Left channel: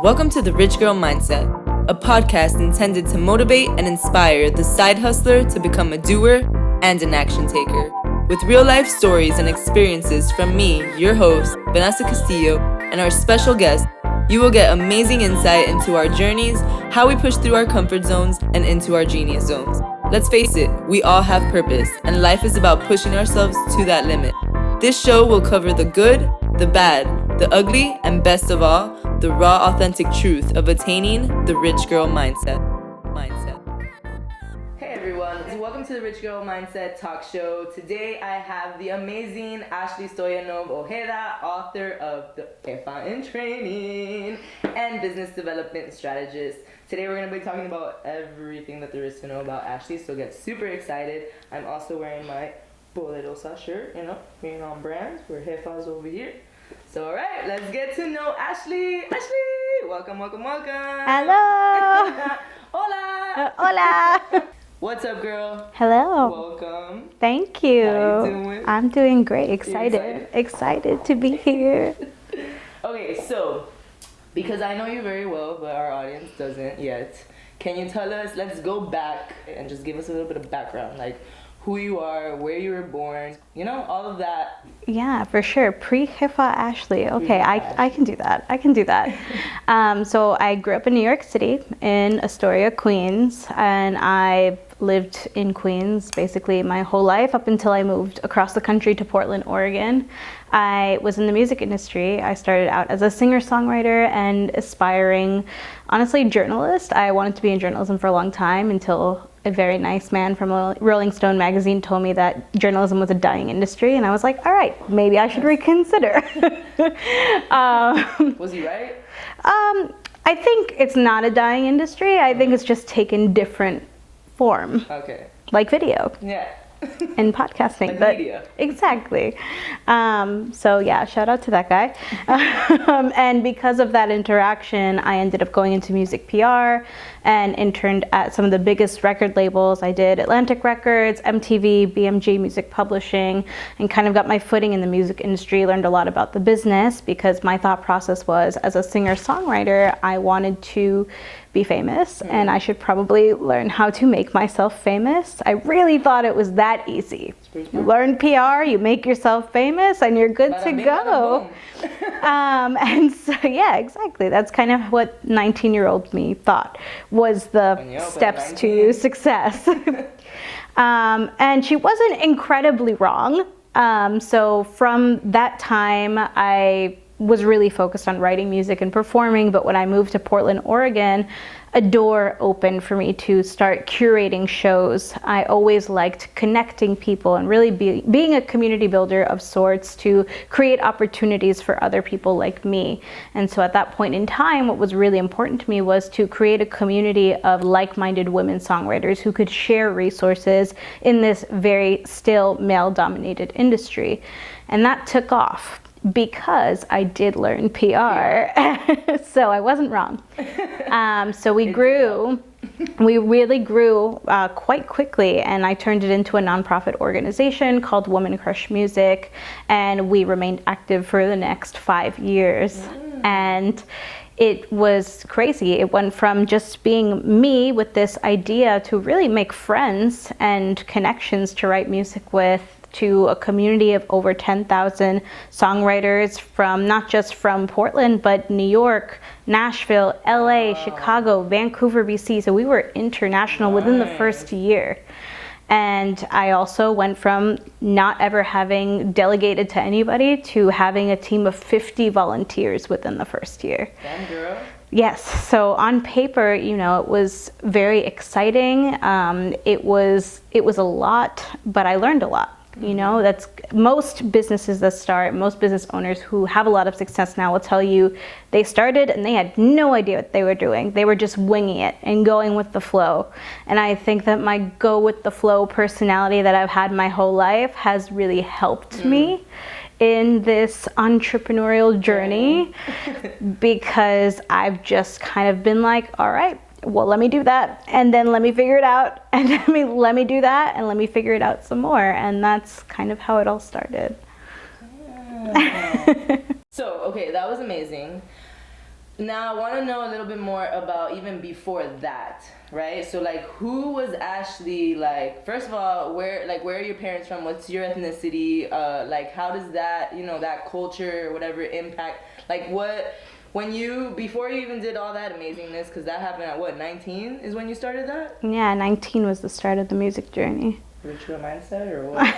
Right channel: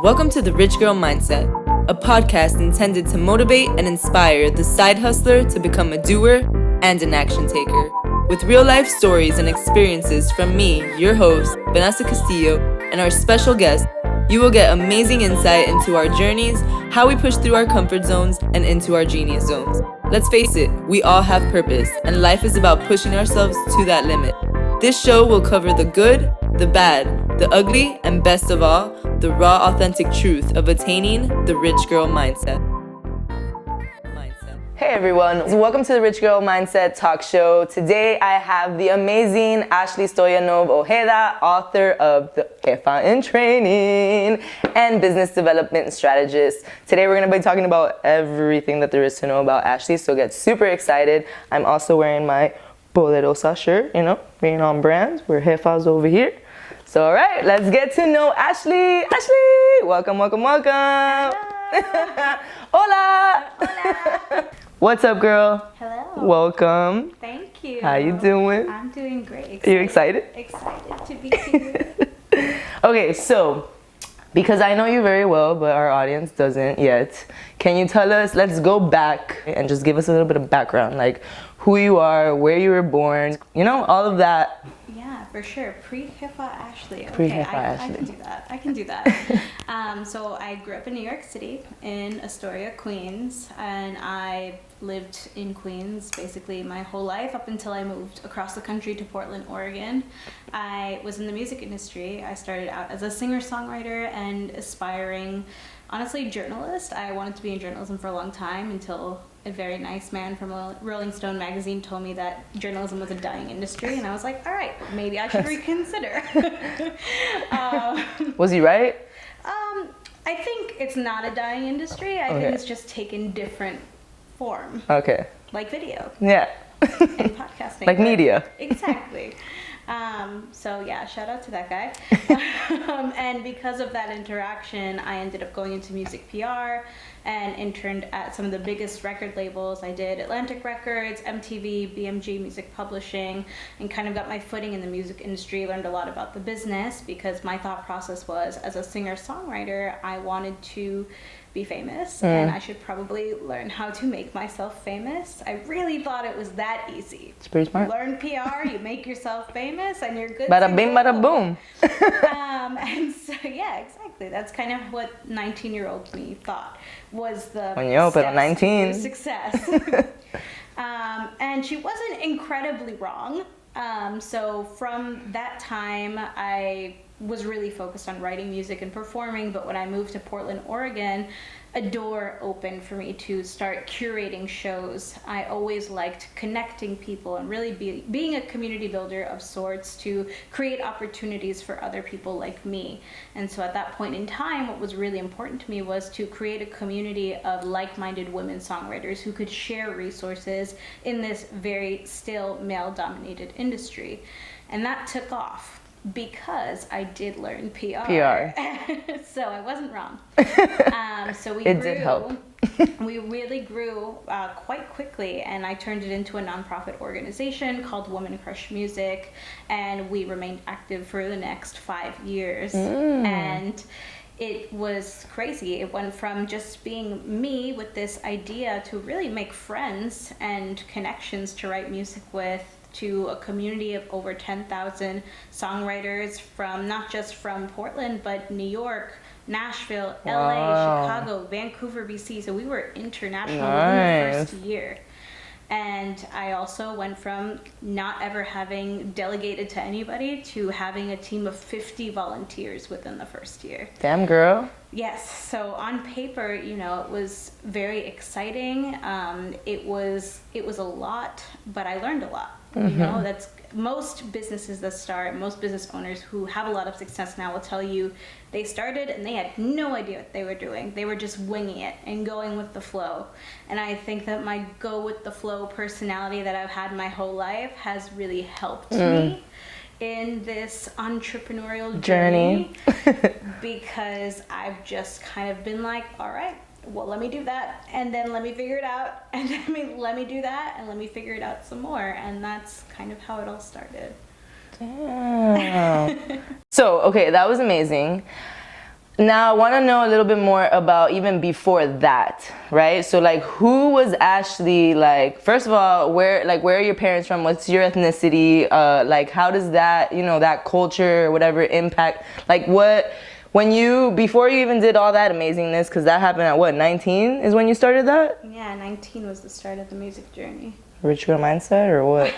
Welcome to the Rich Girl Mindset, a podcast intended to motivate and inspire the side hustler to become a doer and an action taker. With real-life stories and experiences from me, your host, Vanessa Castillo, and our special guest, you will get amazing insight into our journeys, how we push through our comfort zones, and into our genius zones. Let's face it, we all have purpose, and life is about pushing ourselves to that limit. This show will cover the good, the bad, the ugly, and best of all, the raw, authentic truth of attaining the Rich Girl Mindset. Hey everyone, welcome to the Rich Girl Mindset Talk Show. Today I have the amazing Stoyanov-Ojeda, author of the Jefa in Training and business development strategist. Today we're going to be talking about everything that there is to know about Ashley, so get super excited. I'm also wearing my Poderosa shirt, being on brand. We're Jefa's over here. So all right, let's get to know Ashley. Ashley, welcome. Hello. Hola. Hola. What's up, girl? Hello. Welcome. Thank you. How you doing? I'm doing great. Excited. You excited? Excited to be here. Okay, so because I know you very well, but our audience doesn't yet, can you tell us, let's go back and just give us a little bit of background, like who you are, where you were born, all of that. Yeah, for sure. Pre-Jefa Ashley. Okay, I can do that. So I grew up in New York City, in Astoria, Queens, and I lived in Queens basically my whole life up until I moved across the country to Portland, Oregon. I was in the music industry. I started out as a singer-songwriter and aspiring, honestly, journalist. I wanted to be in journalism for a long time until a very nice man from a Rolling Stone magazine told me that journalism was a dying industry, and I was like, all right, maybe I should reconsider. Was he right? I think it's not a dying industry. I think it's just taken different form. Okay. Like video. Yeah. And podcasting. Like media. Exactly. So yeah, shout out to that guy. And because of that interaction, I ended up going into music PR and interned at some of the biggest record labels. I did Atlantic Records, MTV, BMG Music Publishing, and kind of got my footing in the music industry, learned a lot about the business because my thought process was, as a singer-songwriter, I wanted to be famous and I should probably learn how to make myself famous. I really thought it was that easy. It's pretty smart. You learn PR, you make yourself famous, and you're good bada to bing, go. Bada boom. And so, yeah, exactly. That's kind of what 19-year-old me thought was the steps to success. And she wasn't incredibly wrong. So from that time, I was really focused on writing music and performing, but when I moved to Portland, Oregon, a door opened for me to start curating shows. I always liked connecting people and really being a community builder of sorts to create opportunities for other people like me. And so at that point in time, what was really important to me was to create a community of like-minded women songwriters who could share resources in this very still male-dominated industry. And that took off, because I did learn PR. So I wasn't wrong. So we really grew quite quickly, and I turned it into a nonprofit organization called Women Crush Music, and we remained active for the next 5 years. And it was crazy. It went from just being me with this idea to really make friends and connections to write music with, to a community of over 10,000 songwriters from not just from Portland, but New York, Nashville, LA, Chicago, Vancouver, BC. So we were international within the first year. And I also went from not ever having delegated to anybody to having a team of 50 volunteers within the first year. Damn, girl. Yes. So on paper, it was very exciting. It was a lot, but I learned a lot. That's most businesses that start, most business owners who have a lot of success now will tell you they started and they had no idea what they were doing. They were just winging it and going with the flow. And I think that my go with the flow personality that I've had my whole life has really helped me in this entrepreneurial journey because I've just kind of been like, all right, well, let me do that, and then let me figure it out, and let me do that, and let me figure it out some more, and that's kind of how it all started. Damn. So, okay, that was amazing. Now, I want to know a little bit more about even before that, right? So, like, who was Ashley? Like, first of all, where are your parents from? What's your ethnicity? Like, how does that, that culture or whatever impact? Like, before you even did all that amazingness, because that happened at what, 19 is when you started that? Yeah, 19 was the start of the music journey. Rich girl mindset or what?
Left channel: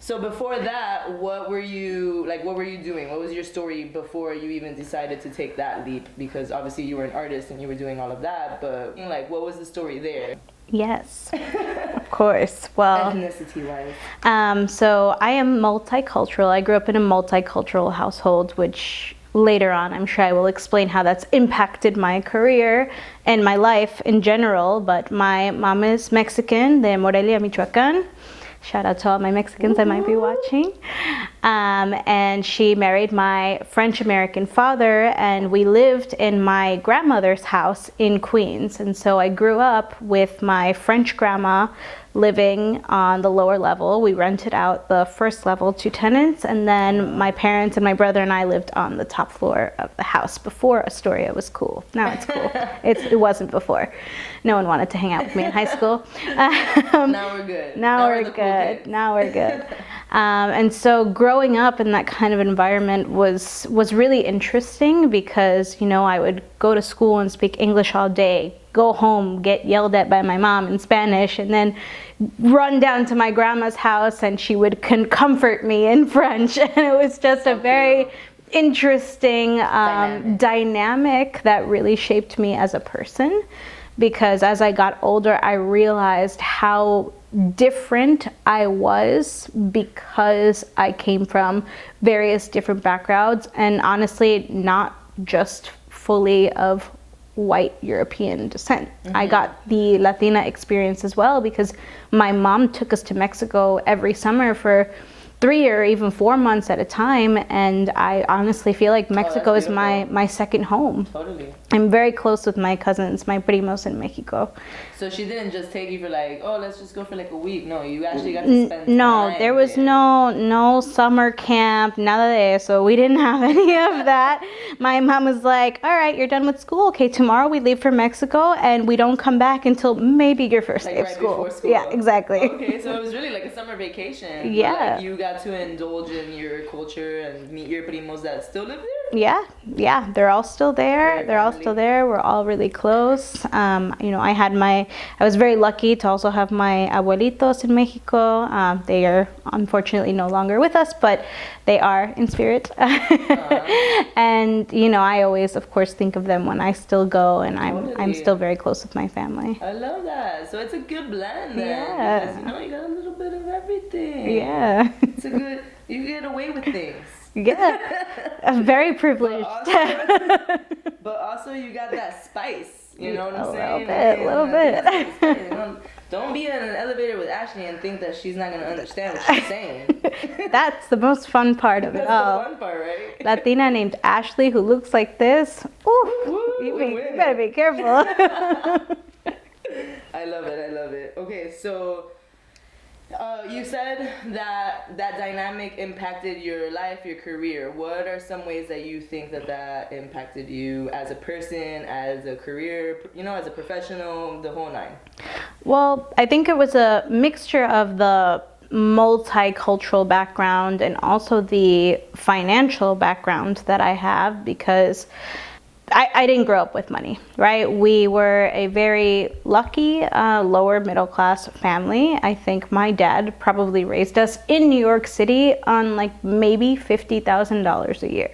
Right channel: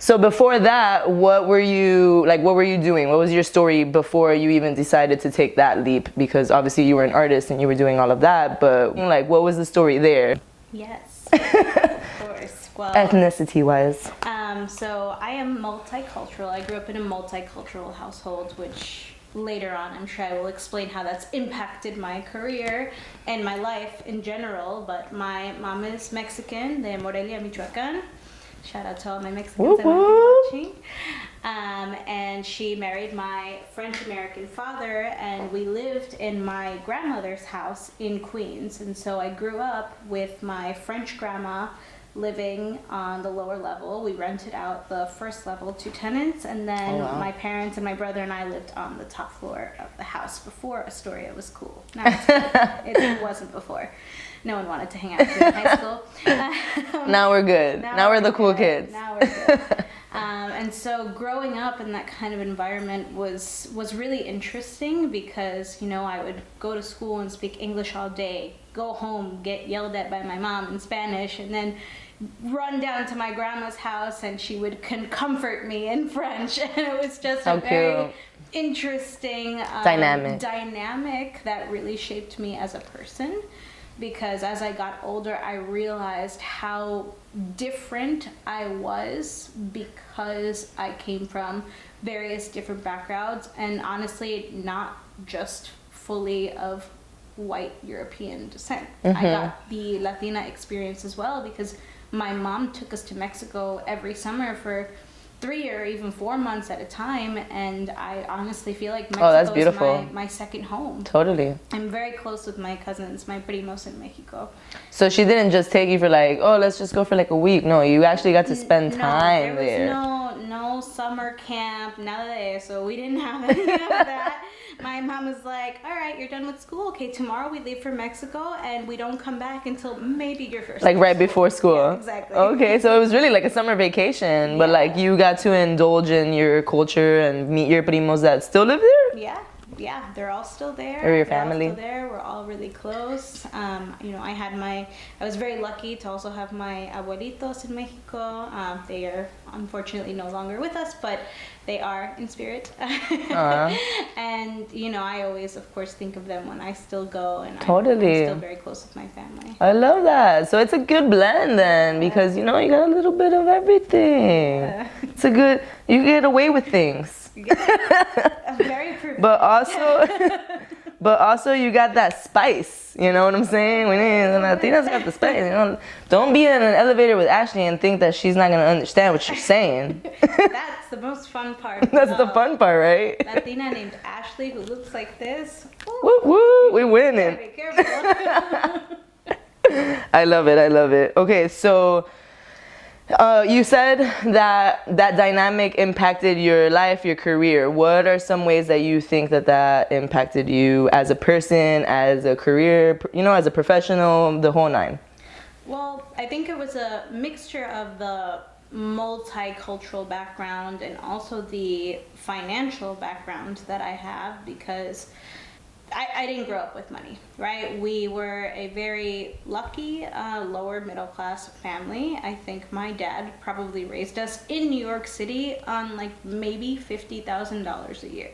So before that, what were you doing? What was your story before you even decided to take that leap? Because obviously you were an artist and you were doing all of that, but like, what was the story there? Yes, of course. Well, ethnicity-wise. So I am multicultural. I grew up in a multicultural household, which later on, I'm sure I will explain how that's impacted my career and my life in general. But my mom is Mexican, de Morelia, Michoacán. Shout out to all my Mexicans that might be watching. And she married my French-American father, and we lived in my grandmother's house in Queens. And so I grew up with my French grandma living on the lower level. We rented out the first level to tenants, and then my parents and my brother and I lived on the top floor of the house. Before Astoria was cool. Now it's cool. It wasn't before. No one wanted to hang out with me in high school. Now we're good. Now we're the cool kids. Now we're good. And so growing up in that kind of environment was really interesting because, I would go to school and speak English all day, go home, get yelled at by my mom in Spanish, and then run down to my grandma's house and she would comfort me in French. And it was just a very interesting dynamic that really shaped me as a person. Because as I got older, I realized how different I was because I came from various different backgrounds, and honestly, not just fully of white European descent. I got the Latina experience as well because my mom took us to Mexico every summer for 3 or even 4 months at a time, and I honestly feel like Mexico is my second home. Totally. I'm very close with my cousins, my primos in Mexico. So she didn't just take you for like, let's just go for like a week. No, you actually got to spend time. No, there was no summer camp, nada de eso. We didn't have any of that. My mom was like, all right, you're done with school. Okay, tomorrow we leave for Mexico and we don't come back until maybe your first day of school. Before school. Yeah, exactly. Okay, so it was really like a summer vacation, but like you got to indulge in your culture and meet your primos that still live there? Yeah, they're all still there. They're all still there. We're all really close. I was very lucky to also have my abuelitos in Mexico. They are unfortunately no longer with us, but they are in spirit. And, I always, of course, think of them when I still go, and I'm still very close with my family. I love that. So it's a good blend then, because, you got a little bit of everything. Yeah. It's you get away with things. Yeah, I'm very privileged. But also you got that spice, you know what I'm saying? Latinas got the spice, Don't be in an elevator with Ashley and think that she's not going to understand what she's saying. That's the most fun part of it. That's the fun part, right? Latina named Ashley who looks like this. Ooh, woo, we win it. You gotta be careful. I love it. Okay, so you said that dynamic impacted your life, your career. What are some ways that you think that impacted you as a person, as a career, as a professional, the whole nine? Well, I think it was a mixture of the multicultural background and also the financial background that I have, because I didn't grow up with money, right? We were a very lucky lower middle class family. I think my dad probably raised us in New York City on like maybe $50,000 a year.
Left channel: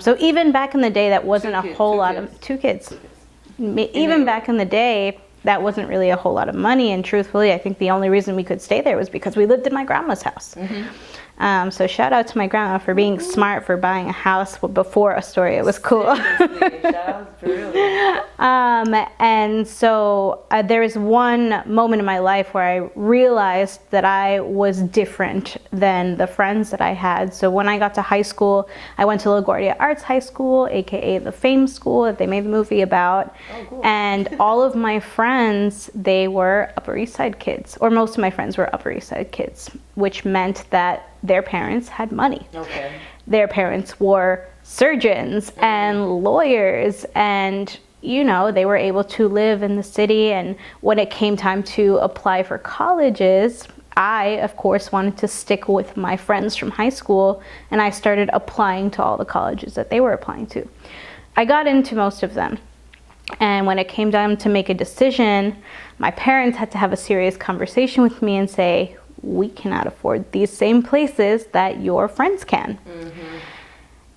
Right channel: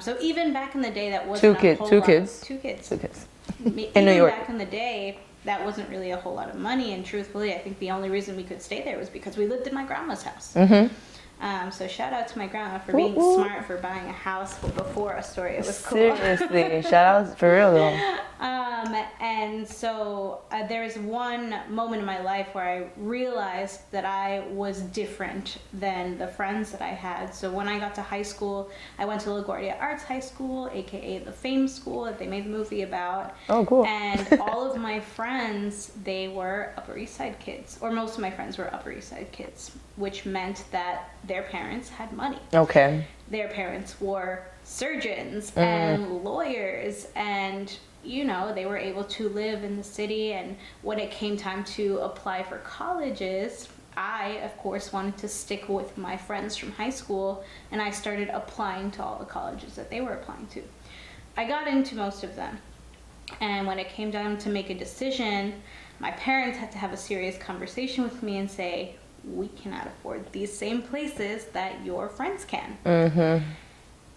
So even back in the day, that wasn't a whole lot of two kids. Even back in the day, that wasn't really a whole lot of money. And truthfully, I think the only reason we could stay there was because we lived in my grandma's house. So shout out to my grandma for being smart, for buying a house before Astoria was cool. Seriously, shout out for real though. And so there was one moment in my life where I realized that I was different than the friends that I had. So when I got to high school, I went to LaGuardia Arts High School, aka the Fame School that they made the movie about. Oh, cool. And all of my friends, they were Upper East Side kids, or most of my friends were Upper East Side kids, which meant that their parents had money. Okay. Their parents wore surgeons and lawyers, and you know, they were able to live in the city. And when it came time to apply for colleges, I, of course, wanted to stick with my friends from high school, and I started applying to all the colleges that they were applying to. I got into most of them. And when it came time to make a decision, my parents had to have a serious conversation with me and say, we cannot afford these same places that your friends can.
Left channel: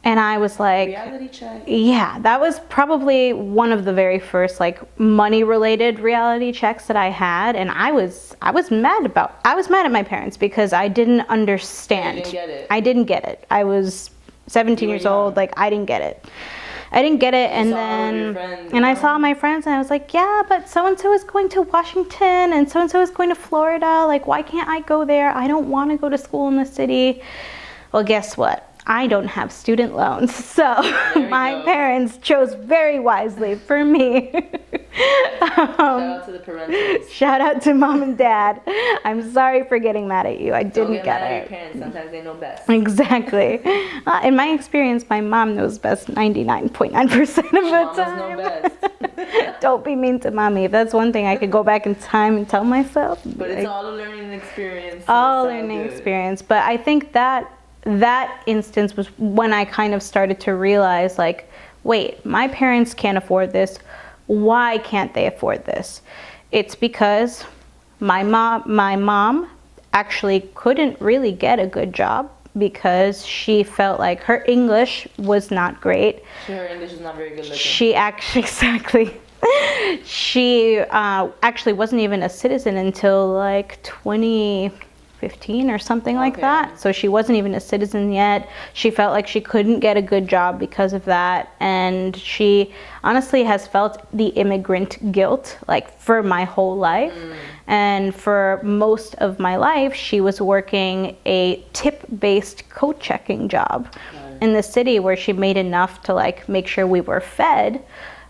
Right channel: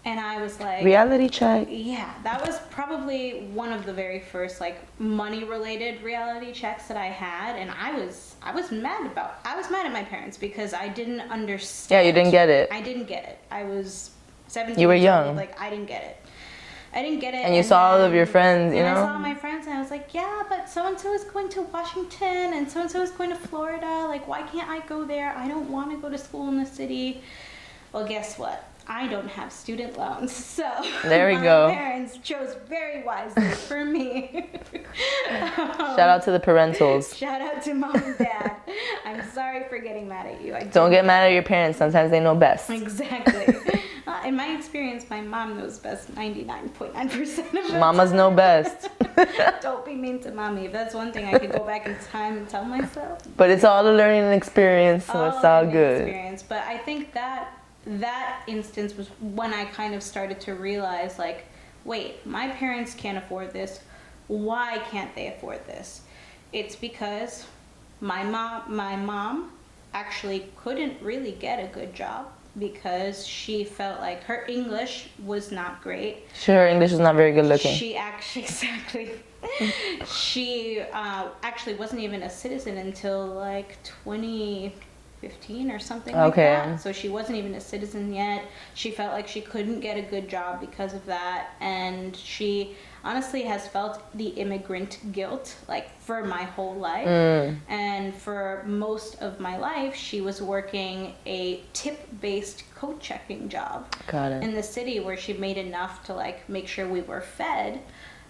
And I was like, reality check. Yeah, that was probably one of the very first like money related reality checks that I had. And I was mad at my parents because I didn't understand. Yeah, you didn't get it. I didn't get it. I was 17 years old. Like, I didn't get it. And you saw all of your friends. And I saw my friends, and I was like, yeah, but so-and-so is going to Washington, and so-and-so is going to Florida. Like, why can't I go there? I don't want to go to school in the city. Well, guess what? I don't have student loans, so my parents chose very wisely for me. Shout out to the parentals. Shout out to mom and dad. I'm sorry for getting mad at you. Don't get mad at your parents. Sometimes they know best. Exactly. In my experience, my mom knows best 99.9% of the Mamas know best. Don't be mean to mommy. If that's one thing I could go back in time and tell myself. But it's all a learning experience. So all it's all learning good. experience. But I think that instance was when I kind of started to realize, like, wait, my parents can't afford this. Why can't they afford this? It's because my mom actually couldn't really get a good job because she felt like her English was not great. Her English is not very good looking. She actually wasn't even a citizen until like 2015 or something like that. So she wasn't even a citizen yet. She felt like she couldn't get a good job because of that, and she honestly has felt the immigrant guilt like for my whole life. And for most of my life she was working a tip-based coat checking job in the city, where she made enough to like make sure we were fed,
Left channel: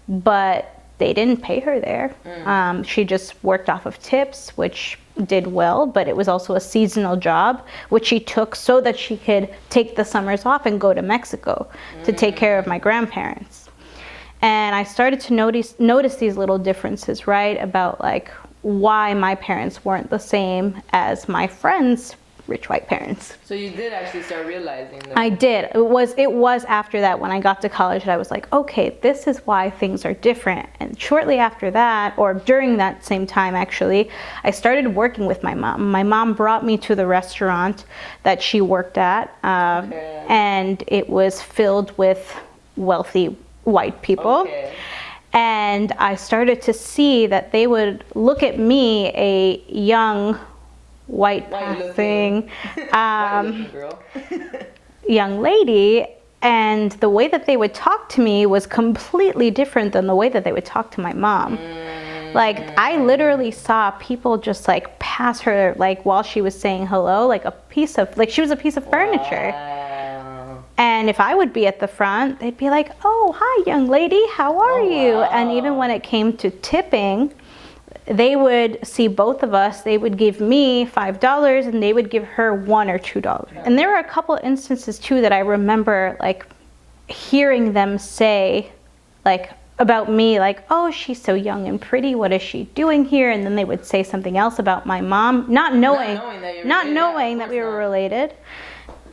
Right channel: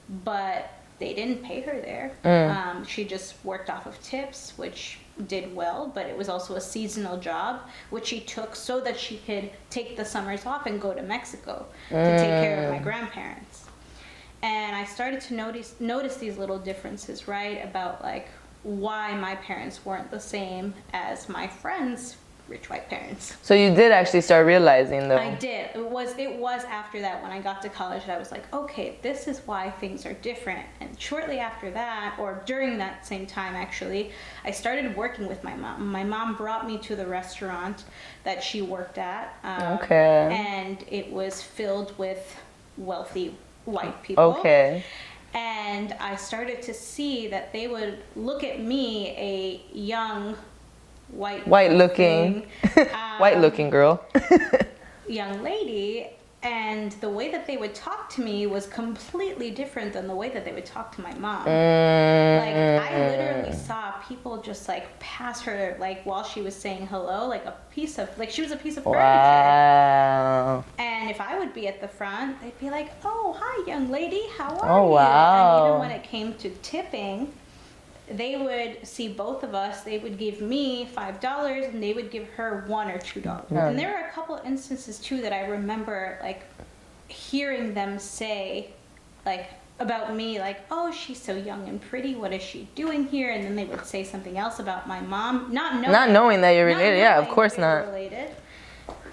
but they didn't pay her there. She just worked off of tips, which did well, but it was also a seasonal job, which she took so that she could take the summers off and go to Mexico to take care of my grandparents. And I started to notice these little differences, right? About like why my parents weren't the same as my friends' rich white parents. So you did actually start realizing though. I did. It was after that, when I got to college, that I was like, okay, this is why things are different. And shortly after that, or during that same time actually, I started working with my mom. My mom brought me to the restaurant that she worked at, and it was filled with wealthy white people. And I started to see that they would look at me, a young white looking girl, young lady, and the way that they would talk to me was completely different than the way that they would talk to my mom. Like, I literally saw people just like pass her, like while she was saying hello, like she was a piece of furniture. And if I would be at the front, they'd be like, oh, hi young lady, how are you? And even when it came to tipping, they would see both of us, they would give me $5 and they would give her $1 or $2. And there were a couple instances too that I remember like hearing them say like about me, like, oh, she's so young and pretty, what is she doing here? And then they would say something else about my mom, not knowing that you're related. Yeah, of course that we were related.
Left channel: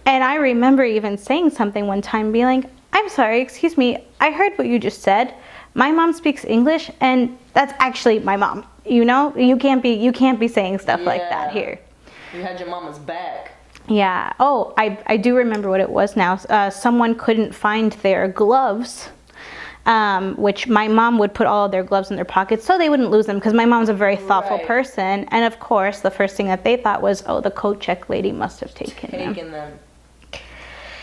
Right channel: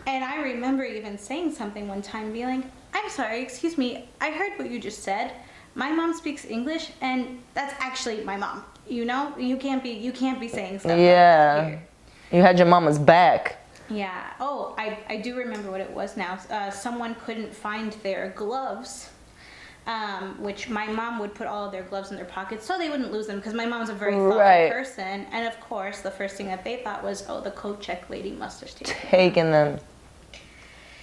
And I remember even saying something one time, being like, I'm sorry, excuse me, I heard what you just said. My mom speaks English, and that's actually my mom. You know, you can't be saying stuff like that here. You had your mama's back. Yeah. Oh, I do remember what it was now. Someone couldn't find their gloves, which my mom would put all of their gloves in their pockets so they wouldn't lose them, because my mom's a very thoughtful person. And of course, the first thing that they thought was, oh, the coat check lady must have taken them.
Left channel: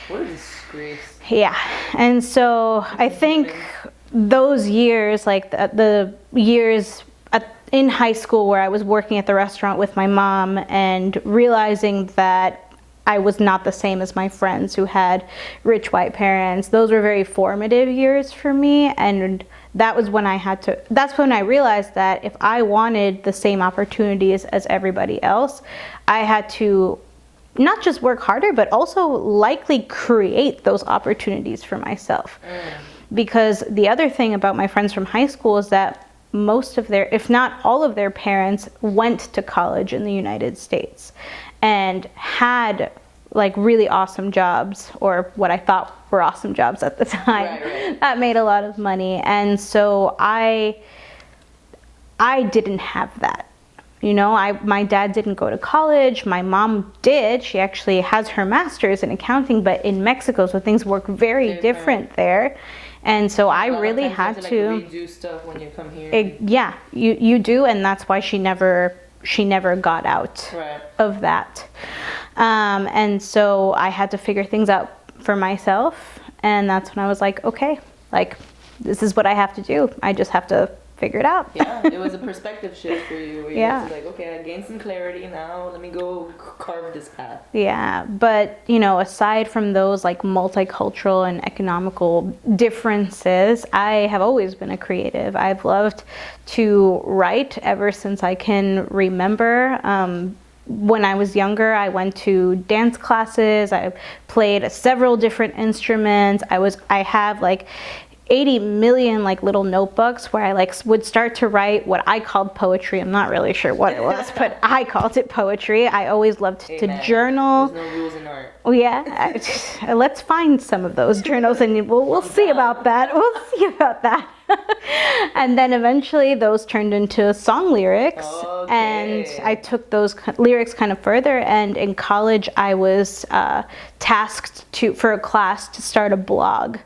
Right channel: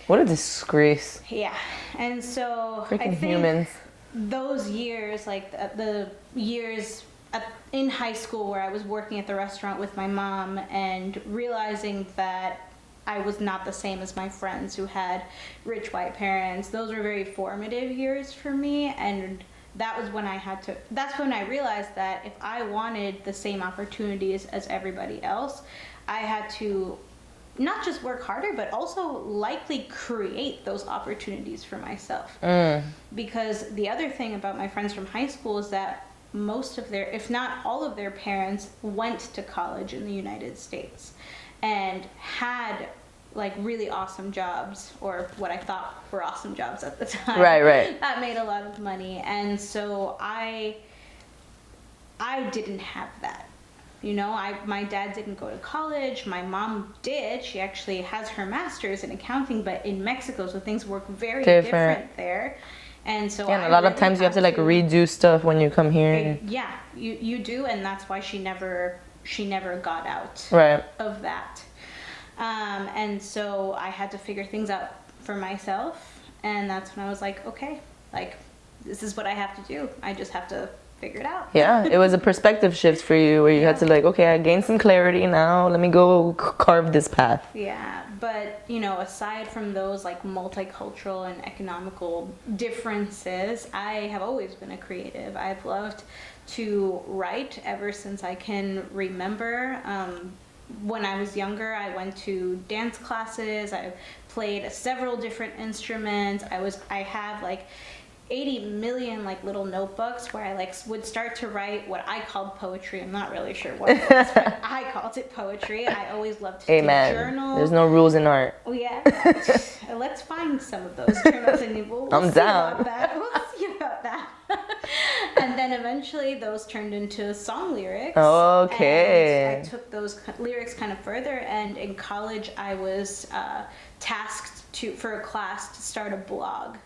What a disgrace. Yeah. And so I think those years, like the years in high school where I was working at the restaurant with my mom and realizing that I was not the same as my friends who had rich white parents, those were very formative years for me. And that was when that's when I realized that if I wanted the same opportunities as everybody else, I had to not just work harder, but also likely create those opportunities for myself. Because the other thing about my friends from high school is that most of their, if not all of their parents, went to college in the United States and had like really awesome jobs, or what I thought were awesome jobs at the time. Right. That made a lot of money. And so I didn't have that. You know, my dad didn't go to college. My mom did. She actually has her master's in accounting, but in Mexico, so things work very different there. And so I really had to. A lot of times you have to like redo stuff when you come here. Yeah, you do, and that's why she never got out of that. And so I had to figure things out for myself, and that's when I was like, okay, like this is what I have to do. I just have to figure it out. Yeah, it was a perspective shift for you where you had to like, okay, I gained some clarity now, let me go carve this path. Yeah, but you know, aside from those like multicultural and economical differences, I have always been a creative. I've loved to write ever since I can remember. When I was younger, I went to dance classes. I played several different instruments. I have like 80 million like little notebooks where I like would start to write what I called poetry. I'm not really sure what it was, but I called it poetry. I always loved to journal. There's no rules in art. Oh yeah, let's find some of those journals and we'll see about that. We'll see about that. And then eventually those turned into song lyrics. Okay. And I took those lyrics kind of further. And in college, I was tasked for a class to start a blog.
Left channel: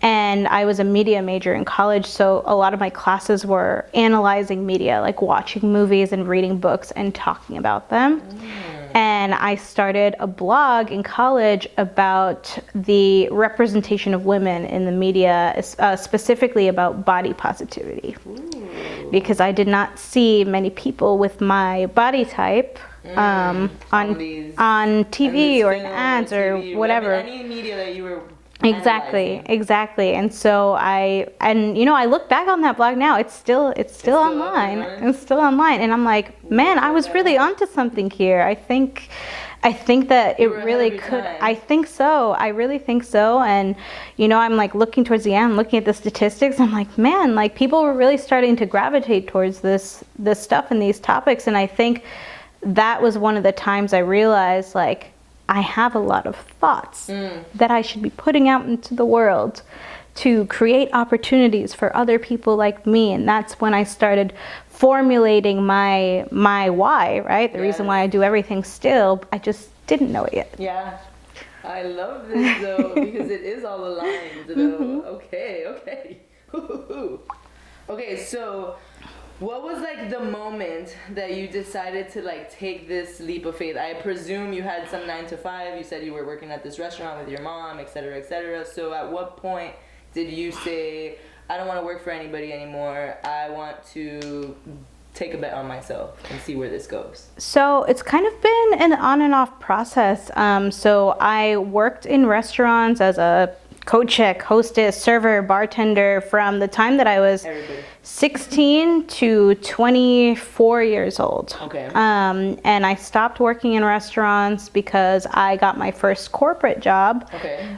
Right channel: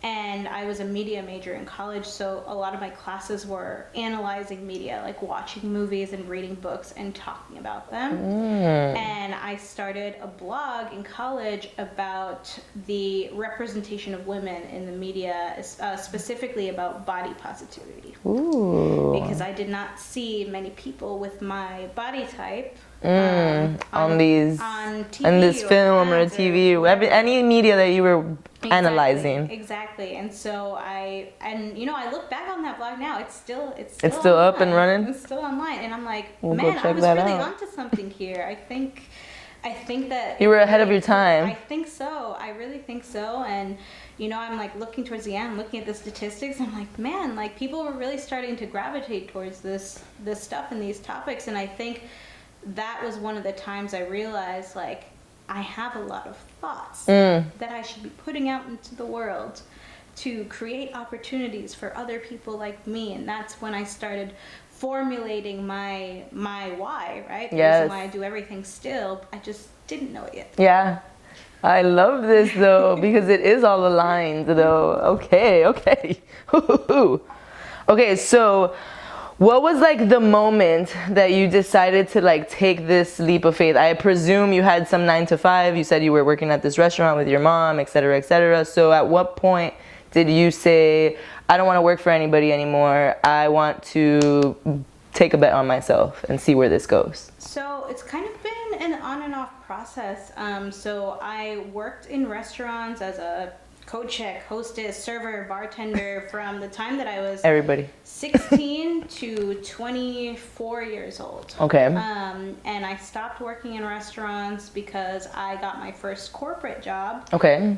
And I was a media major in college, so a lot of my classes were analyzing media, like watching movies and reading books and talking about them. And I started a blog in college about the representation of women in the media, specifically about body positivity. Because I did not see many people with my body type on TV or film ads or TV or whatever, any media that you were analyzing. Exactly. And so I look back on that blog now. It's still online. Up and running. It's still online, and I'm like, man, I was really onto something here. I think that you were ahead of your time. I think so. I really think so. And I'm like looking towards the end, looking at the statistics. I'm like, man, like people were really starting to gravitate towards this stuff and these topics. And I think that was one of the times I realized, like, I have a lot of thoughts that I should be putting out into the world to create opportunities for other people like me. And that's when I started formulating my why, right? The reason why I do everything still. I just didn't know it yet. Yeah. I love this though, because it is all aligned though. Okay. Okay, so what was like the moment that you decided to like take this leap of faith? I presume you had some 9 to 5. You said you were working at this restaurant with your mom, et cetera, et cetera. So at what point did you say, I don't want to work for anybody anymore. I want to take a bet on myself and see where this goes? So it's kind of been an on and off process. So I worked in restaurants as a co-check, hostess, server, bartender from the time that I was 16 to 24 years old. Okay. And I stopped working in restaurants because I got my first corporate job,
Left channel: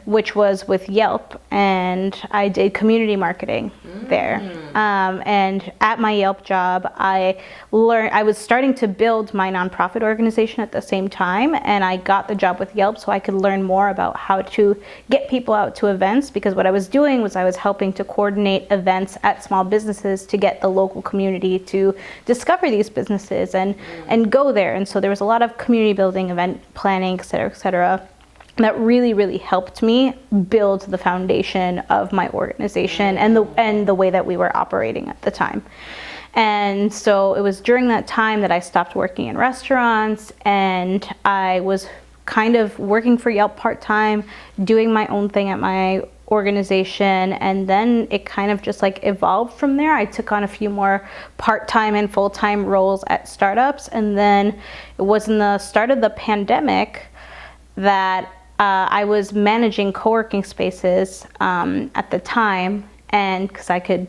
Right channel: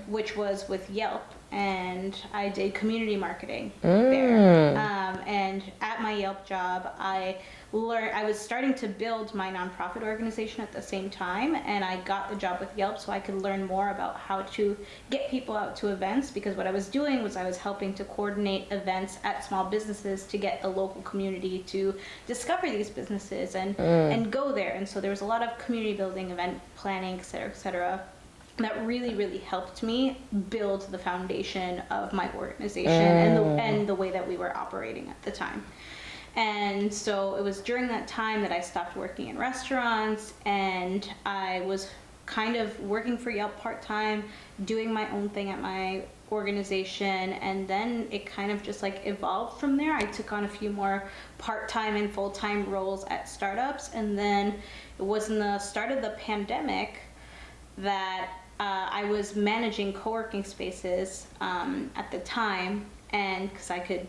which was with Yelp, and I did community marketing there. And at my Yelp job, I was starting to build my nonprofit organization at the same time, and I got the job with Yelp so I could learn more about how to get people out to events, because what I was doing was I was helping to coordinate events at small businesses to get the local community to discover these businesses and go there. And so there was a lot of community building, event planning, et cetera, that really, really helped me build the foundation of my organization and the way that we were operating at the time. And so it was during that time that I stopped working in restaurants, and I was kind of working for Yelp part-time, doing my own thing at my organization, and then it kind of just like evolved from there. I took on a few more part-time and full-time roles at startups, and then it was in the start of the pandemic that I was managing co-working spaces at the time, and because I could,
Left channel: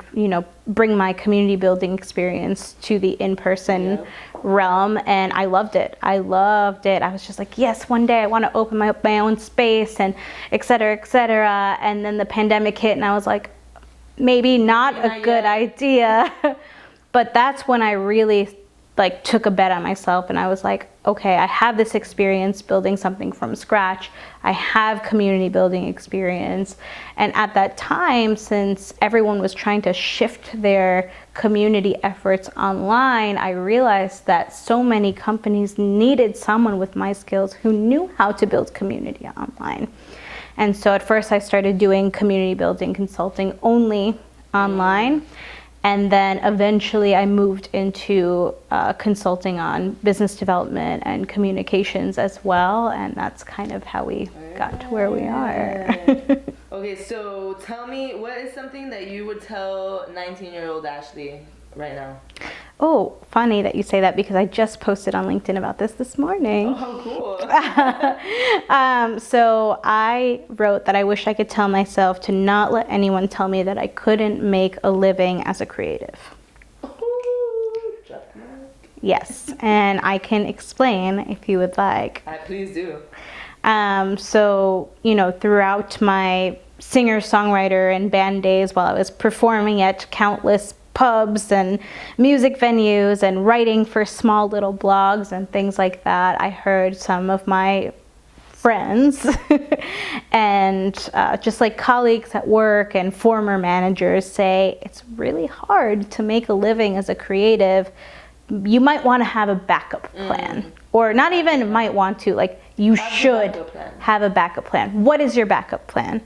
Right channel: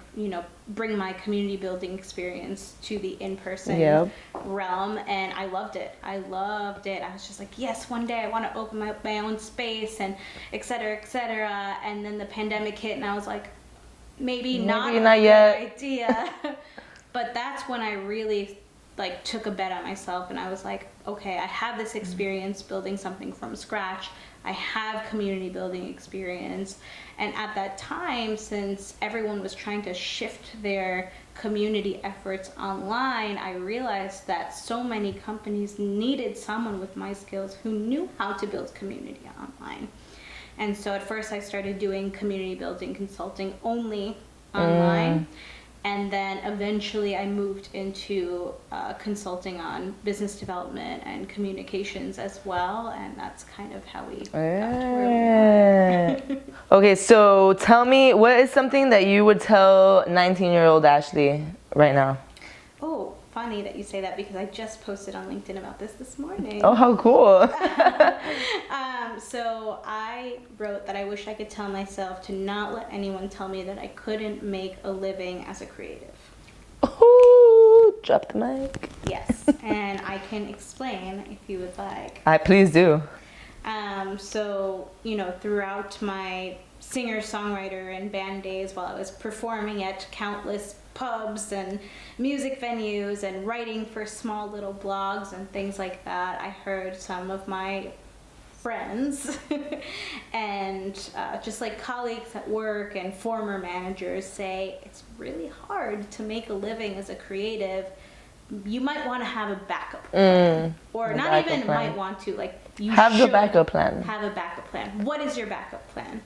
bring my community building experience to the in-person realm, and I loved it. I was just like, yes, one day I want to open my own space, and et cetera, et cetera. And then the pandemic hit, and I was like, maybe not a good idea. But that's when I really like took a bet on myself, and I was like, okay, I have this experience building something from scratch. I have community building experience. And at that time, since everyone was trying to shift their community efforts online, I realized that so many companies needed someone with my skills who knew how to build community online. And so at first I started doing community building consulting only online. And then eventually I moved into consulting on business development and communications as well. And that's kind of how we got to where we are. Okay, so tell me, what is something that you would tell 19-year-old Ashley right now? Oh, funny that you say that, because I just posted on LinkedIn about this morning. Oh, how cool. So I wrote that I wish I could tell myself to not let anyone tell me that I couldn't make a living as a creative. Ooh, drop the mic. Yes, and I can explain if you would like. Please do. So, throughout my singer-songwriter and band days, while I was performing at countless pubs and music venues and writing for small little blogs and things like that, I heard some of my friends and just like colleagues at work and former managers say, it's really hard to make a living as a creative. You might want to have a backup plan, or not even might want to, like you should have a backup plan. What is your backup plan?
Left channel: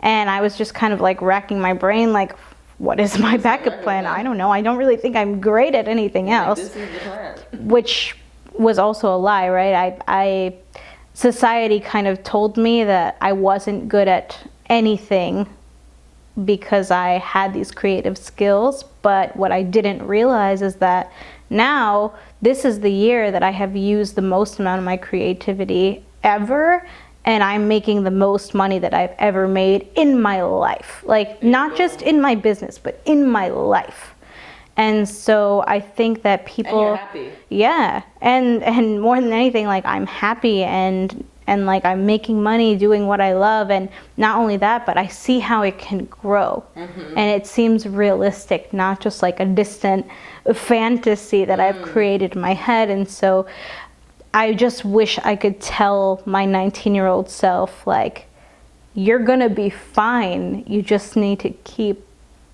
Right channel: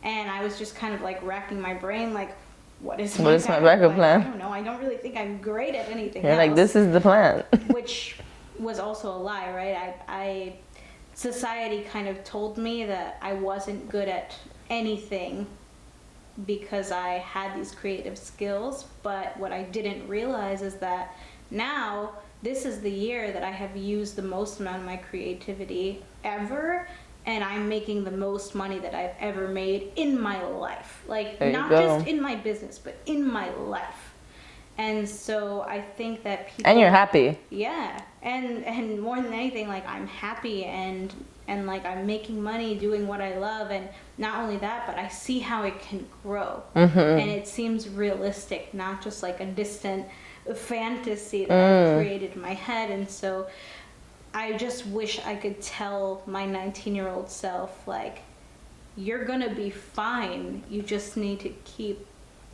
And I was just kind of like racking my brain, like, what is my backup plan? I don't know. I don't really think I'm great at anything else. Like, this is the plan. Which was also a lie, right? Society kind of told me that I wasn't good at anything because I had these creative skills. But what I didn't realize is that now this is the year that I have used the most amount of my creativity ever. And I'm making the most money that I've ever made in my life. Like, not just in my business, but in my life. And so I think that people... And you're happy. Yeah. And more than anything, like, I'm happy and like, I'm making money doing what I love. And not only that, but I see how it can grow. And it seems realistic, not just like a distant fantasy that I've created in my head. And so I just wish I could tell my 19-year-old self, like, you're gonna be fine. You just need to keep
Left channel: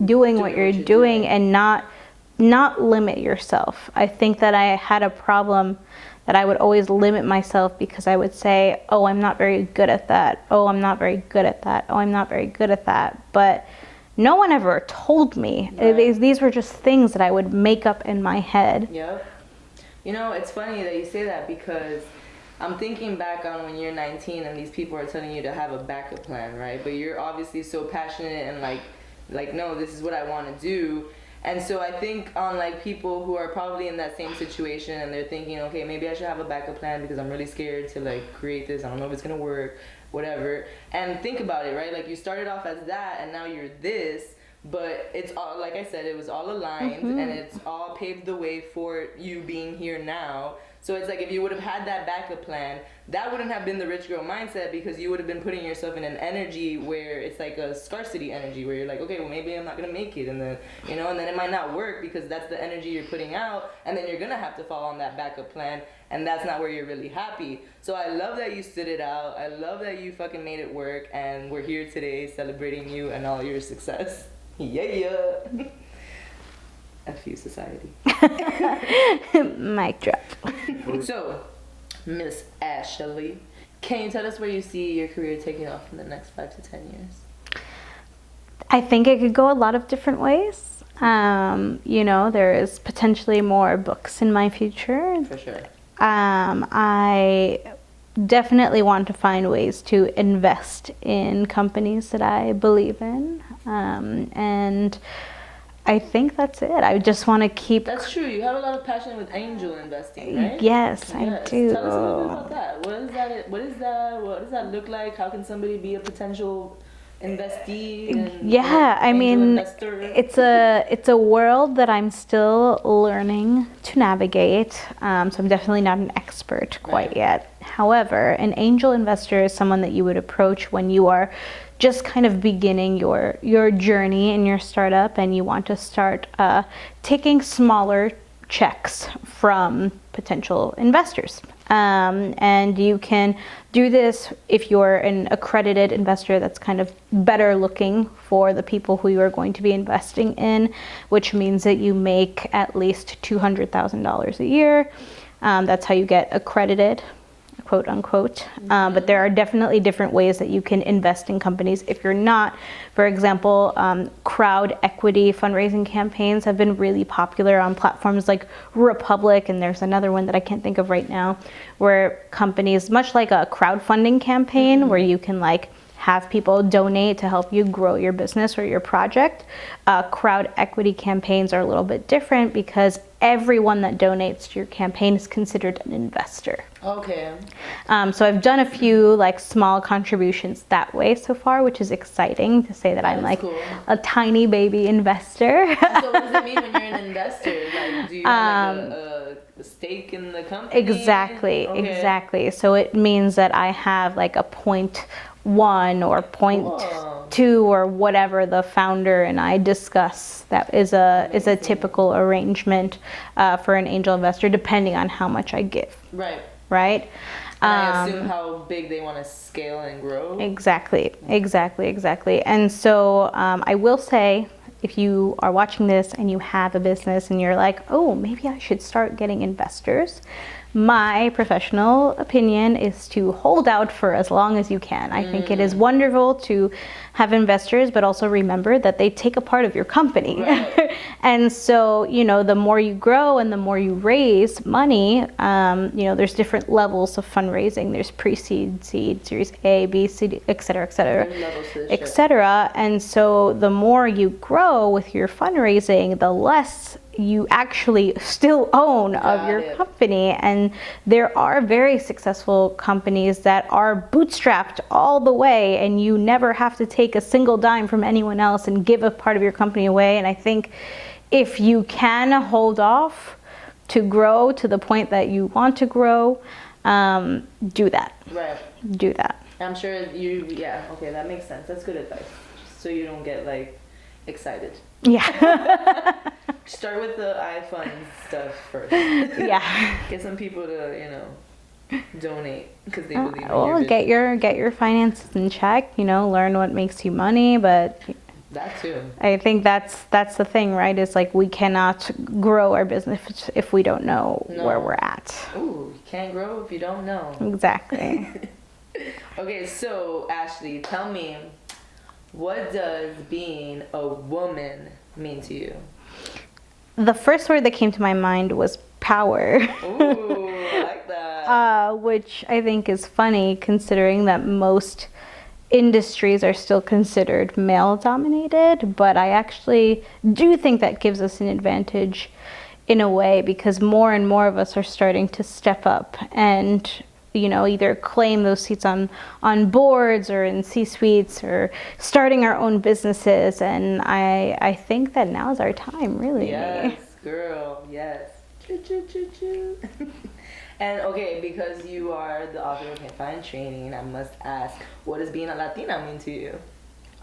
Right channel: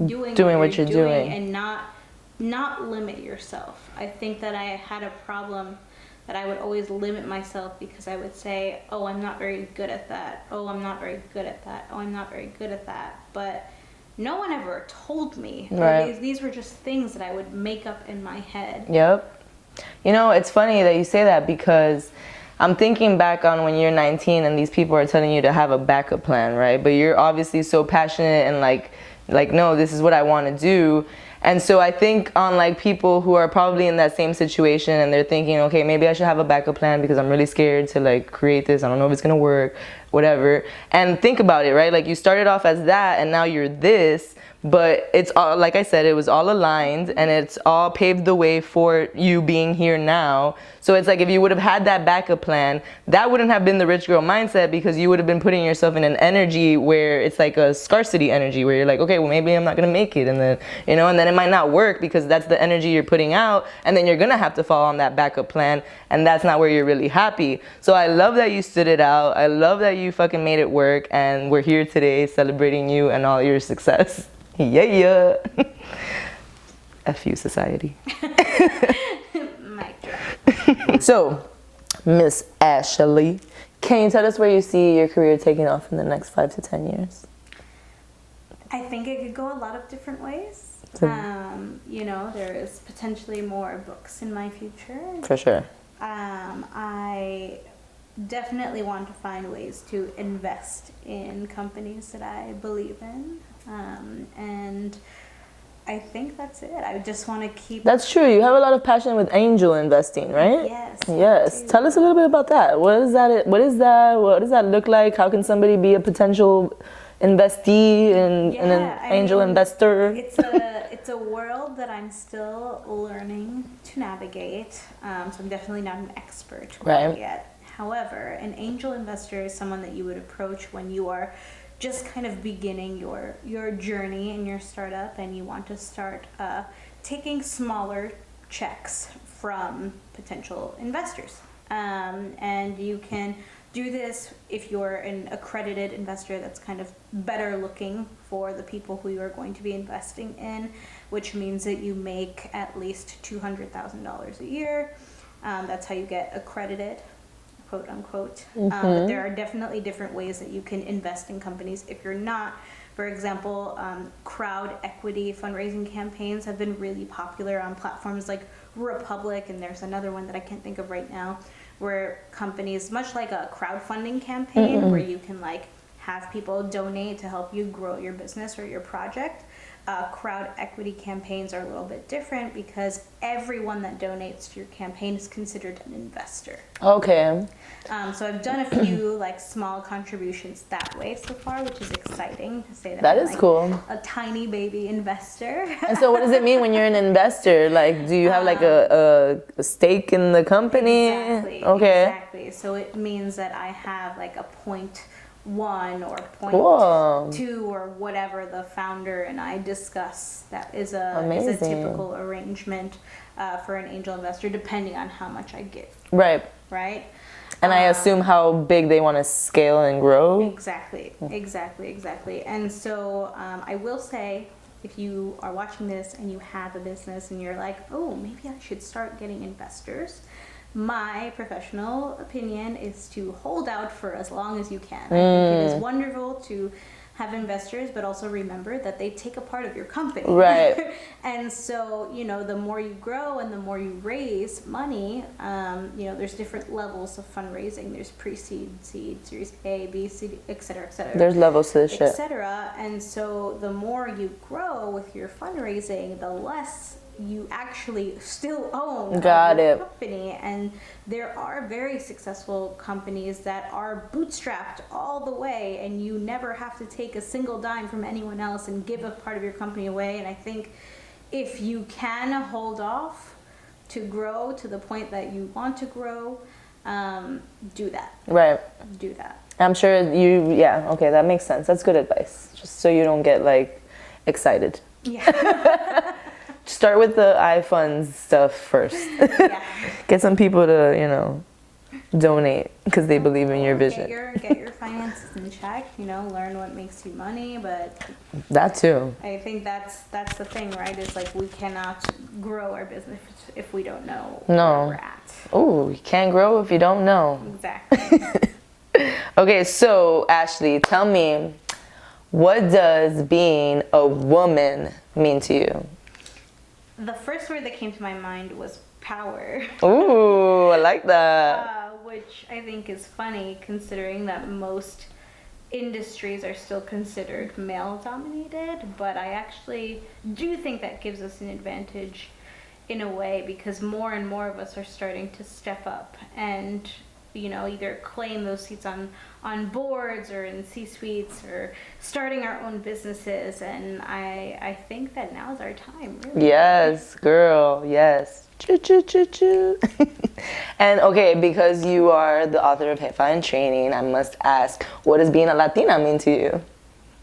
doing what you're doing and not limit yourself. I think that I had a problem that I would always limit myself because I would say, oh, I'm not very good at that. Oh, I'm not very good at that. Oh, I'm not very good at that. But no one ever told me. Right. These were just things that I would make up in my head. Yep. It's funny that you say that, because I'm thinking back on when you're 19 and these people are telling you to have a backup plan, right? But you're obviously so passionate and like, no, this is what I want to do. And so I think on like people who are probably in that same situation and they're thinking, okay, maybe I should have a backup plan because I'm really scared to like create this. I don't know if it's going to work, whatever. And think about it, right? Like, you started off as that and now you're this. But it's all, like I said, it was all aligned and it's all paved the way for you being here now. So it's like, if you would have had that backup plan, that wouldn't have been the rich girl mindset, because you would have been putting yourself in an energy where it's like a scarcity energy, where you're like, okay, well, maybe I'm not going to make it. And then, and then it might not work because that's the energy you're putting out. And then you're going to have to fall on that backup plan. And that's not where you're really happy. So I love that you stood it out. I love that you fucking made it work. And we're here today celebrating you and all your success. Yeah. F you, society. Mic drop. So, Miss Ashley, can you tell us where you see your career taking off in the next 5 to 10 years? I think it could go a lot of different ways. There is potentially more books in my future. For sure. I definitely want to find ways to invest in companies that I believe in. And I think that's it. I just want to keep... That's true. You have a lot of passion with angel investing, right? Yes. Yes. I do. Tell us a little bit about that. What is that? What does that look like? How can somebody be a potential investee and angel investor? It's a world that I'm still learning to navigate. So I'm definitely not an expert quite yet. However, an angel investor is someone that you would approach when you are just kind of beginning your journey in your startup and you want to start taking smaller checks from potential investors. And you can do this if you're an accredited investor that's kind of better looking for the people who you are going to be investing in, which means that you make at least $200,000 a year. That's how you get accredited, quote unquote. But there are definitely different ways that you can invest in companies if you're not. For example, crowd equity fundraising campaigns have been really popular on platforms like Republic, and there's another one that I can't think of right now, where companies, much like a crowdfunding campaign, where you can like have people donate to help you grow your business or your project. Crowd equity campaigns are a little bit different because everyone that donates to your campaign is considered an investor. Okay. So I've done a few like small contributions that way so far, which is exciting to say that I'm like cool. a tiny baby investor. And so what does it mean when you're an investor? Like, do you have like a stake in the company? Exactly. Okay. Exactly. So it means that I have like a 0.1 or 0.2 or whatever the founder and I discuss. That is a typical arrangement for an angel investor, depending on how much I give. Right. Right. And I assume how big they want to scale and grow. Exactly. And so I will say, if you are watching this and you have a business and you're like, oh, maybe I should start getting investors, my professional opinion is to hold out for as long as you can. I think it is wonderful to have investors, but also remember that they take a part of your company. Right. And so, the more you grow and the more you raise money, there's different levels of fundraising. There's pre-seed, seed, series A, B, C, et cetera, et cetera. There's levels to this shit. Et cetera. And so the more you grow with your fundraising, the less you actually still own of your company. And there are very successful companies that are bootstrapped all the way, and you never have to take a single dime from anyone else and give a part of your company away. And I think if you can hold off to grow to the point that you want to grow, do that. Right. Do that. I'm sure okay, that makes sense. That's good advice. Just so you don't get like excited. Yeah. Start with the iFund stuff first. Yeah. Get some people to, donate because they believe in your vision. Get your finances in check, learn what makes you money, but that too. I think that's the thing, right? It's like we cannot grow our business if we don't know where we're at. Oh, you can't grow if you don't know. Exactly. Okay, so Ashley, tell me, what does being a woman mean to you? The first word that came to my mind was power. Ooh, I like that. Which I think is funny considering that most industries are still considered male-dominated, but I actually do think that gives us an advantage in a way because more and more of us are starting to step up and either claim those seats on boards or in C-suites or starting our own businesses. And I think that now's our time, really. Yes, girl, yes. Choo, choo, choo, choo. And okay, because you are the author of Jefa in Training, I must ask, what does being a Latina mean to you?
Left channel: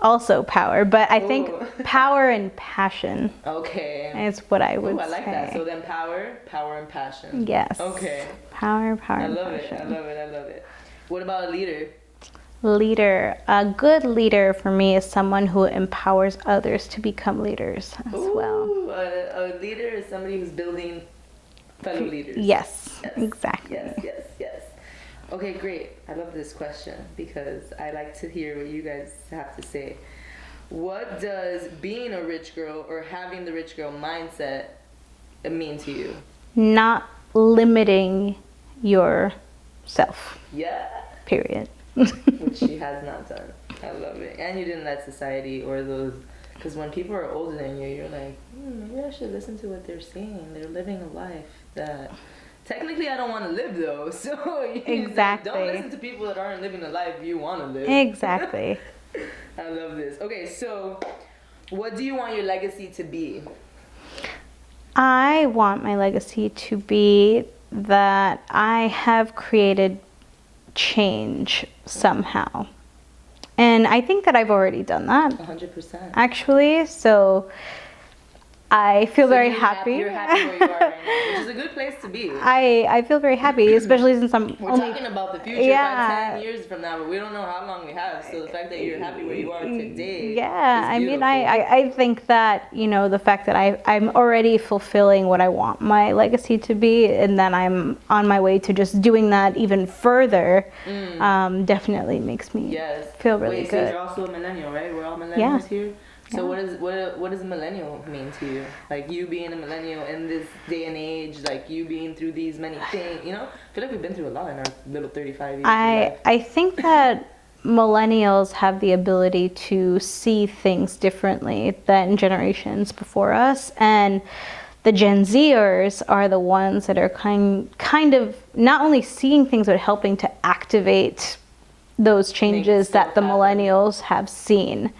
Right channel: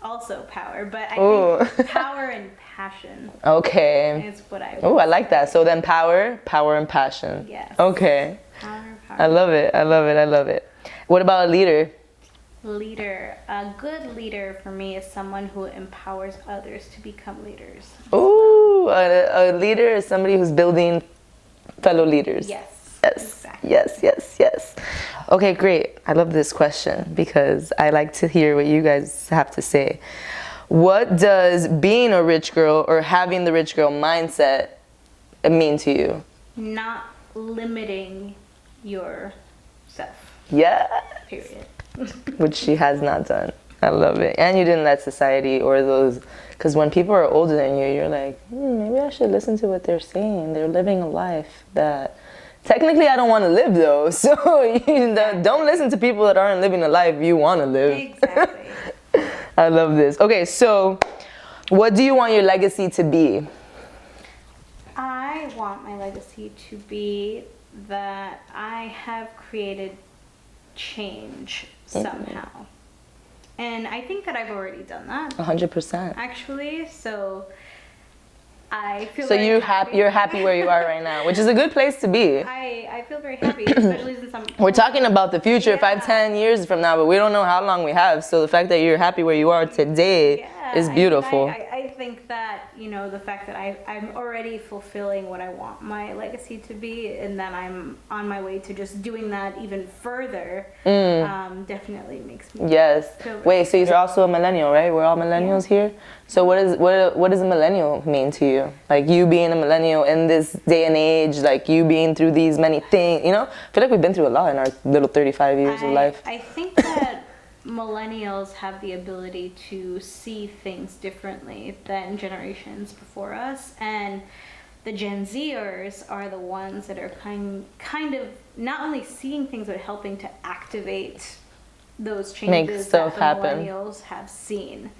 Also power, but I think power and passion. Okay. Is what I would I like say. that. So then power and passion. Yes. Okay. Power. I love it. What about a leader? Leader. A good leader for me is someone who empowers others to become leaders as well. A leader is somebody who's building fellow leaders. Yes. Exactly. Yes. Okay, great. I love this question because I like to hear what you guys have to say. What does being a rich girl or having the rich girl mindset mean to you? Not limiting yourself. Yeah. Period. Which she has not done. I love it. And you didn't let society or those, because when people are older than you, you're like, maybe I should listen to what they're saying. They're living a life that technically I don't want to live though. So exactly. Don't listen to people that aren't living a life you want to live. Exactly. I love this. Okay, so what do you want your legacy to be? I want my legacy to be that I have created change somehow. And I think that I've already done that. 100%. Actually, so I feel very happy. You're happy where you are right now, which is a good place to be. I feel very happy, especially since We're talking about the future, 5-10 years from now, but we don't know how long we have. So the fact that you're happy where you are today is beautiful. I think that, the fact that I'm already fulfilling what I want my legacy to be, and then I'm on my way to just doing that even further, definitely makes me feel really good. So you're also a millennial, right? We're all millennials here? So what does a millennial mean to you? Like you being a millennial in this day and age, like you being through these many things, I feel like we've been through a lot in our little 35 years of life. I think that millennials have the ability to see things differently than generations before us, and the Gen Zers are the ones that are kind of not only seeing things but helping to activate those changes that the millennials have seen.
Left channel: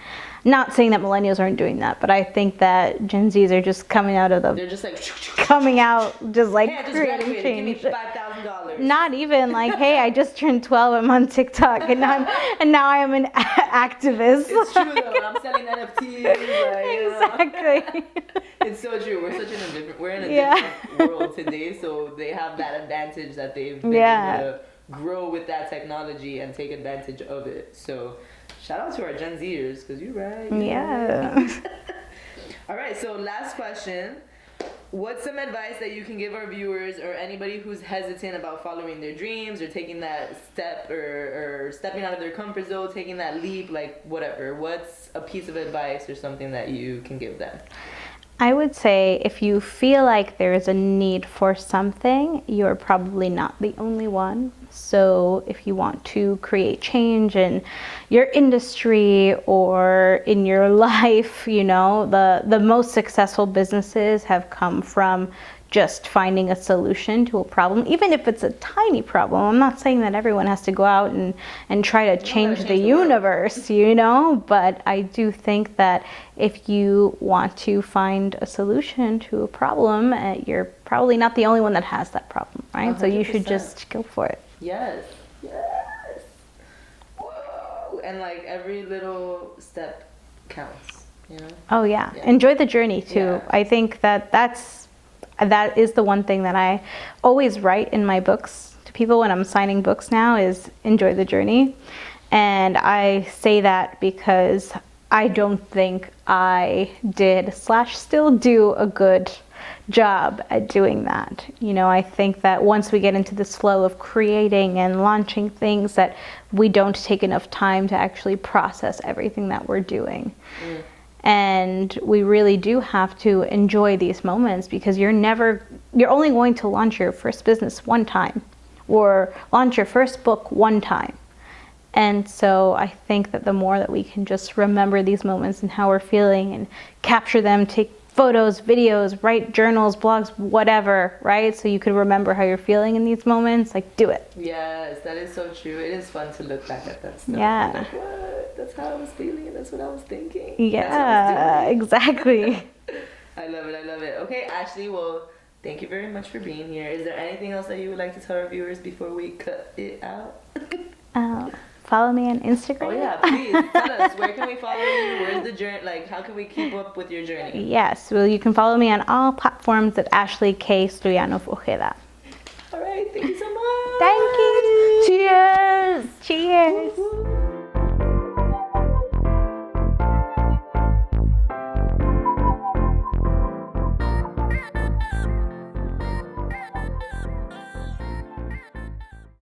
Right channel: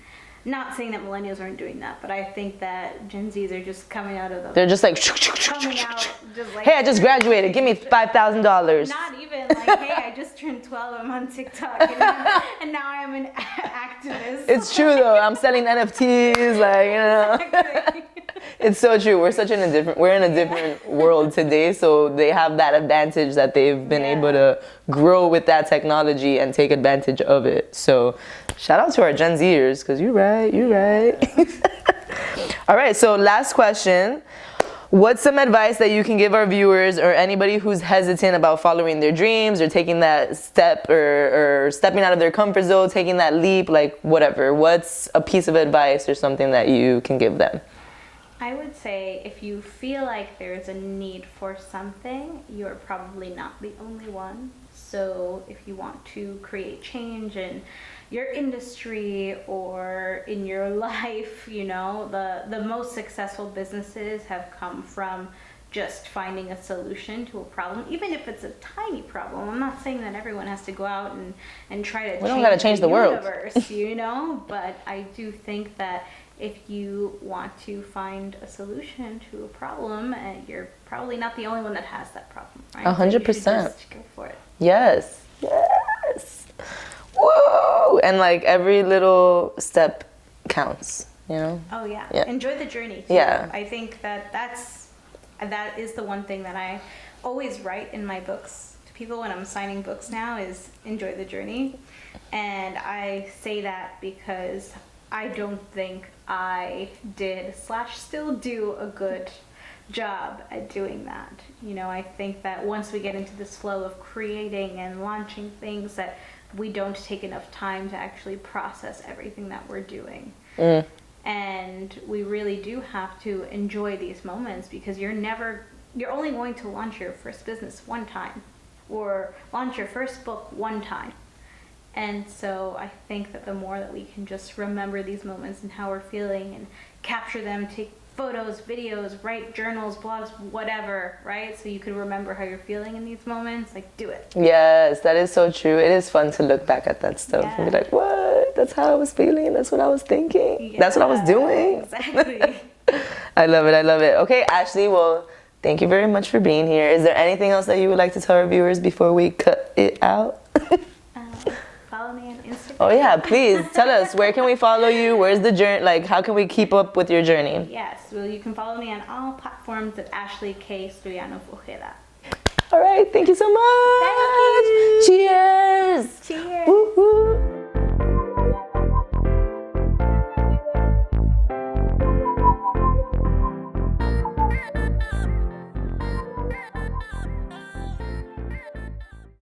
Not saying that millennials aren't doing that, but I think that Gen Zs are just coming out of they're just like coming out just like, hey, I just graduated, give me $5,000. Not even like, hey, I just turned 12, I'm on TikTok, and now I am an activist. It's true though. I'm selling NFTs, like Exactly. It's so true. We're in a different world today, so they have that advantage that they've been able to grow with that technology and take advantage of it. So shout out to our Gen Zers, because you're right. All right, so last question. What's some advice that you can give our viewers or anybody who's hesitant about following their dreams or taking that step or stepping out of their comfort zone, taking that leap, like whatever? What's a piece of advice or something that you can give them? I would say if you feel like there's a need for something, you're probably not the only one. So if you want to create change in your industry or in your life, the most successful businesses have come from just finding a solution to a problem, even if it's a tiny problem. I'm not saying that everyone has to go out and try to change the universe, but I do think that if you want to find a solution to a problem, you're probably not the only one that has that problem, right? 100%. So you should just go for it. Yes. Whoa! And like every little step counts, Oh yeah. Enjoy the journey too. Yeah. I think that is the one thing that I always write in my books to people when I'm signing books now is enjoy the journey. And I say that because I don't think I still do a good job at doing that. I think that once we get into this flow of creating and launching things, that we don't take enough time to actually process everything that we're doing. And we really do have to enjoy these moments, because you're only going to launch your first business one time or launch your first book one time. And so I think that the more that we can just remember these moments and how we're feeling and capture them, take photos, videos, write journals, blogs, whatever, right? So you could remember how you're feeling in these moments, do it. Yes, that is so true. It is fun to look back at that stuff and be like, what? That's how I was feeling. That's what I was thinking. Yeah, that's what I was doing. Exactly. I love it. Okay, Ashley, well, thank you very much for being here. Is there anything else that you would like to tell our viewers before we cut it out? Follow me on Instagram. Oh yeah, please tell us, where can we follow you? Where's the journey? How can we keep up with your journey? Yes, well, you can follow me on all platforms at Ashley K. Stoyanov-Ojeda. All right, thank you so much. Thank you. Cheers. Cheers. Woo-hoo.